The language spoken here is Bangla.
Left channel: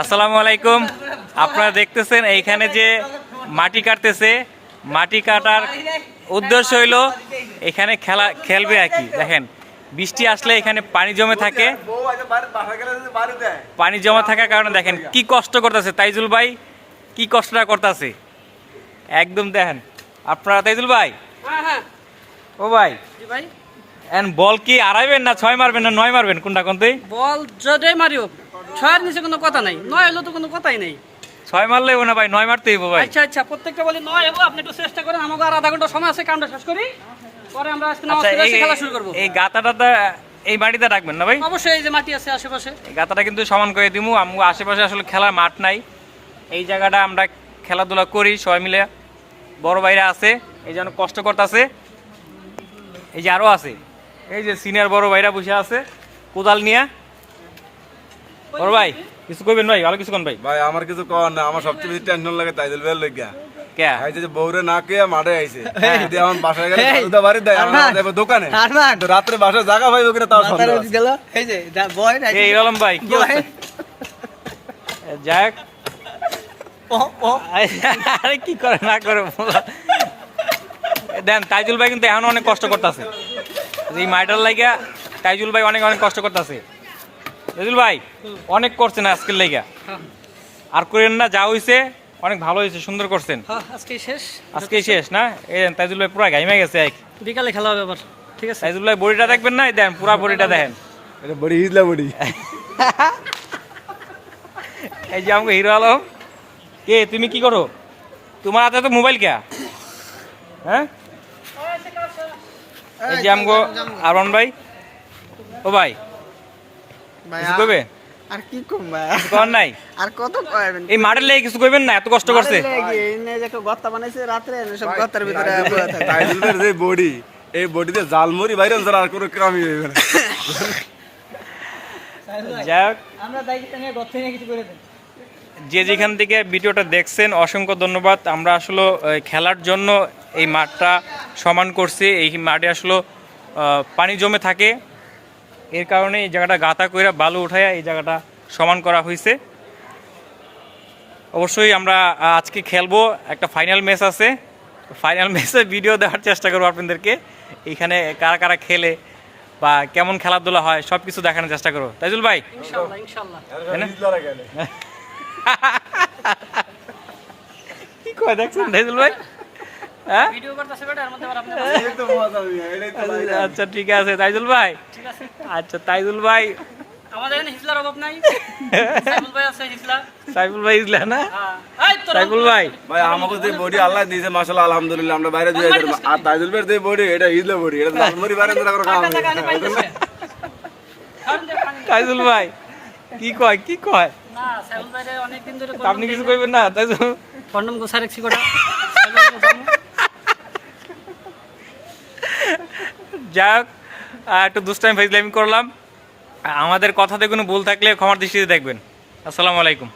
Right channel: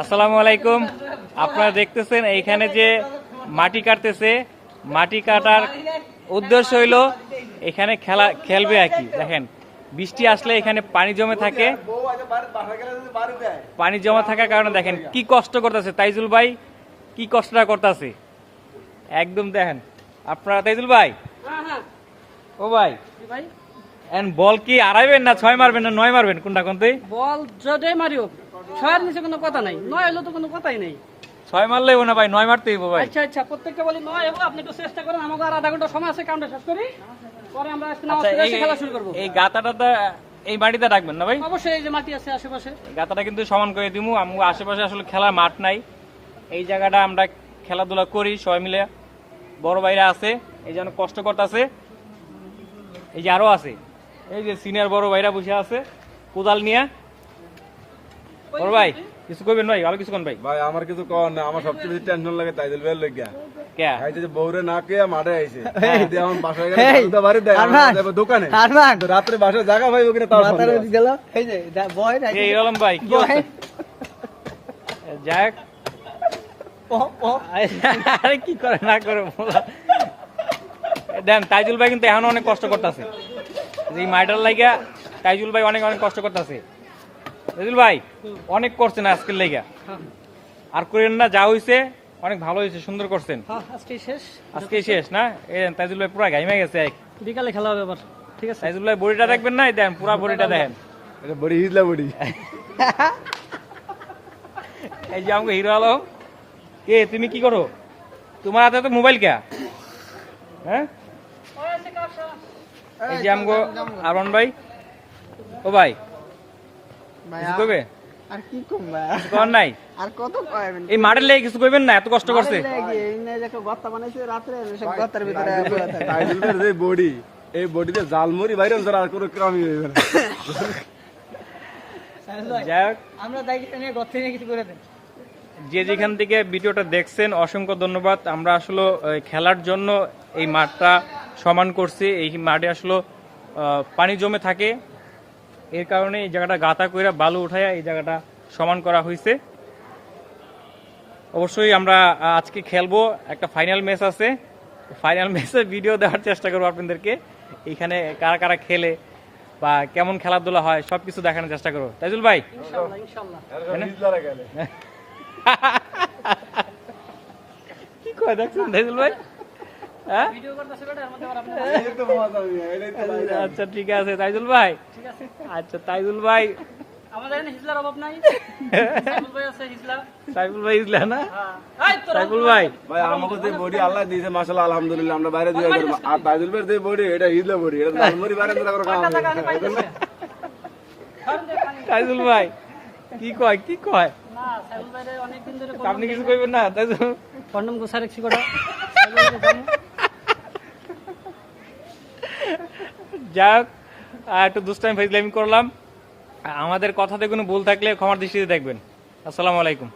আসসালামু আলাইকুম। আপনারা দেখতেছেন এইখানে যে মাটি কাটতেছে। মাটি কাটার উদ্দেশ্য হইল এখানে খেলা খেলবে আর কি। দেখেন, বৃষ্টি আসলে এখানে পানি জমে থাকে। যদি পানি জমা থাকার কারণে দেখেন কি কষ্ট করতেছে। তাইজুল ভাই কি কষ্টটা করতেছে? একদম দেখেন। আপনারা তাইজুল ভাই? ও ভাই বল কি আড়াইবেন না ছয় মারবেন না নয় মারবেন? কোনটা কোনতেই বল যতই মারিও ছয়ের নিচে কোনো কথা নাই নয় হলো তো কোনো কথাই নেই। ছয় মারলে না ভাই নয় মারতেই ভাই। আচ্ছা আচ্ছা প্রত্যেকটা বলি নয় হব আপনি একটু চেষ্টা করেন আমাকে আর আধা ঘণ্টা সময় আছে কামটা শেষ করি। পরে আমরা আজকে নামাজ আচ্ছা, পড়ে খেলা শুরু করব। এই গাতাটা এই মাটিতে রাখবেন না ভাই? অবশ্যই এই যে মাটি আছে আশেপাশে। গাতাটা কিন্তু সমান করে দিমু আমগো আশেপাশে আসলে খেলার মাঠ নাই। এই জায়গাটা আমরা খেলাধুলা করি সবাই মিলে। বড় ভাইরা আছে এই যেন কষ্ট করতেছে। এই যে আরও আছে। এই যে সিনিয়র বড় ভাইরা বসে আছে কোদাল নিয়ে। বড় ভাই কিছু কইবেন ভাই ভালো কিছু কোন ভাই। ভাই আমার কিছু কর না আমার সবচেয়ে বেশি টেনশন লাগে তাইদুল ভাইয়ের লইগা। কে? আইছে যে বউরে না কে মাঠে আইছে। যদি আমার বাসায় গেলে বাড়ি দেয় আমার দেবে দোকানে। তো রাত্রে বাসায় জায়গা পাইবো কিনা তাও সন্দেহ আছে। এই রলম ভাই? যাক। আরে কি করে না করে। দেন তাইজুল ভাই কিন্তু এখন অনেক কষ্ট করতেছে। এই মাইটার লাগিয়া তাইজুল ভাই অনেক অনেক কষ্ট করতেছে। তাইজুল ভাই অনেক করছেন আজকের লাইগা আর করেন না যা হইছে অনেক ভালো হয়েছে সুন্দর করছেন। হ্যাঁ আজকে শেষ। আজকে শেষ না? এই তাইজুল ভাই পুরা গাইমে গেছে এক। বিকালে খেলা হবে আবার ঠিক আছে? তাইজুল ভাই বডিটা দেখবেন না? এই দেন পুরা বডিটা দেখেন। এটা বড়ি হিজলা বড়ি। এই যে আমাকে হিরো আলম। কে তুমি কি করো? তোমার হাতে তো মোবাইল কে? হ্যাঁ? এই যে আমগো আরন ভাই। ও ভাই কিছু কইবে? আর কি কম ভাই কিছু নাই? আর কত কইবেন এই মাঠের লেগে কিছু কইবেন না এত কষ্ট করছে। যে একটা বানাইছে সব ভিতরে থাকে। যে বডি এই বডিতে জালমুড়ি বাইরে আর কোনো কামই হইবে না। যাই আমরা দায়িত্ব নিয়ে গর্তে নিয়ে কিছু করে দেন। যে যেখান থেকে ভিডিওটা দেখছেন অসংখ্য ধন্যবাদ। আমরা আসলে খেলার জন্য এই মাঠটা সমান করছি। এই মাঠে আসলে আহ, পানি জমে থাকে। এর কারণে এই জায়গাটা গাতা কইরা বালু উঠাইয়া এই জায়গাটা সমান করা হয়েছে অবশ্যই আমরা আজকে খেলব একটা ফাইনাল ম্যাচ আছে। ফাইনাল ম্যাচে ভিডিও দেওয়ার চেষ্টা করব আপনাদেরকে। এখানে কারা কারা খেলে বা কেমন খেলাধুলা হয় সব কিছু দেখানোর চেষ্টা করব। তাইজুল ভাই? না? কি কয় দেখছেন তাইজুল ভাই? হ্যাঁ? ভাই। আচ্ছা ঠিক আছে তাইজুল ভাই। ঠিক আছে। আচ্ছা তাইজুল ভাই। আমাদের এখানে হিজলার অভাব নাই। সাইফুল ভাই আছে হিজলা সাইফুল ভাই ইসলা না? হ্যাঁ। এই তো সাইফুল ভাই। ভাই আমাকে যে বডি আল্লাহ দিয়েছে মাশাআল্লাহ আলহামদুলিল্লাহ আমরা বাইরে দিয়ে যাই আর তাইদুল ভাইয়ের যে বডি এটা হিজলা বডি এটা জালমুড়ি বাইরে কাম হইবে না তাইজুল ভাই কি কয় কি কয়? না সাইফুল ভাই অনেক দিন ধরে আপনি কিছু কইবেন না তাইজুল? কন্ডম গোসা রেখছি কটা। যাক একটু দুষ্টাইম ফাইজলামি করলাম। আমাদের কথাতে কোনো ভুল থাকলে ক্ষমার দৃষ্টিতে দেখবেন। আসসালামু আলাইকুম।